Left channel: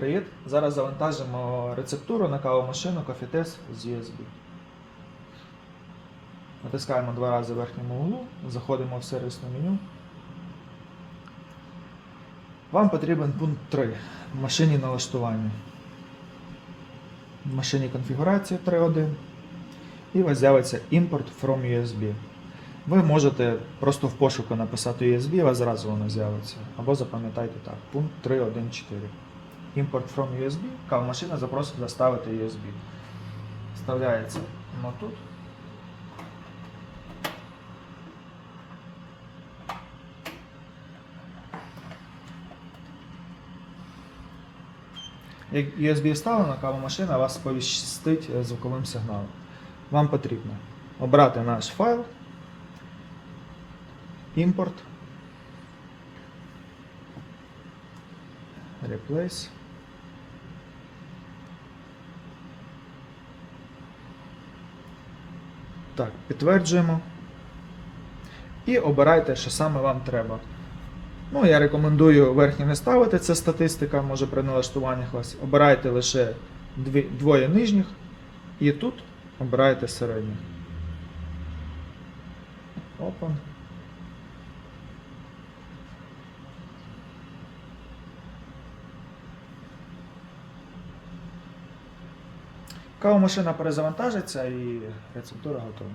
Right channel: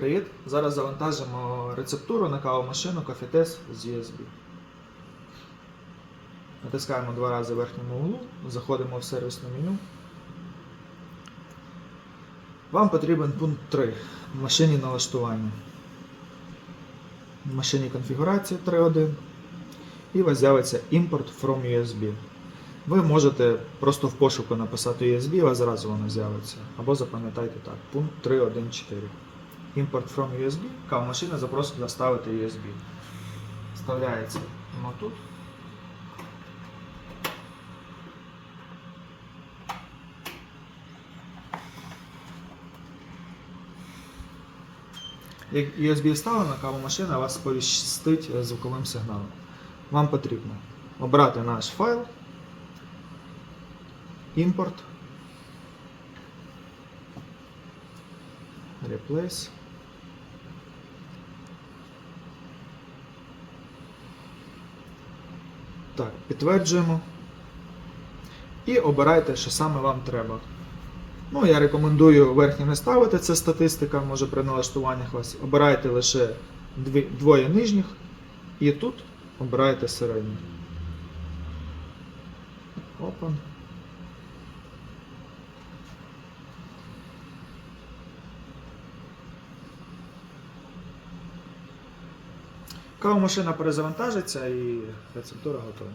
Привіт! Зараз завантажимо рецептуру на кавомашину Coffeetest з USB. Натискаємо два рази верхньому углу, заходимо в сервісне меню. Вам потрібен пункт 3 в машині налаштування. В машині конфігурація 3.1 і у вас з'явиться Import from USB. Ви можете просто в пошуку написати USB, вас зразу воно з'явиться. Або запам'ятайте так, пункт 3.1.4. Import from USB, кавомашина запросить доставити USB. Вставляється воно тут. Як USB вставлено, кавомашина вас сповістить звуковим сигналом. Вам потрібно обрати наш файл, імпорт, replace. Так, підтверджуємо. І обирайте, що саме вам треба. Ну, я рекомендую верхні не ставити, це статистика, може при налаштуваннях вас. Обирайте лише двоє нижніх і тут обирайте середні. Open. Кавомашина перезавантажиться і рецептура готова.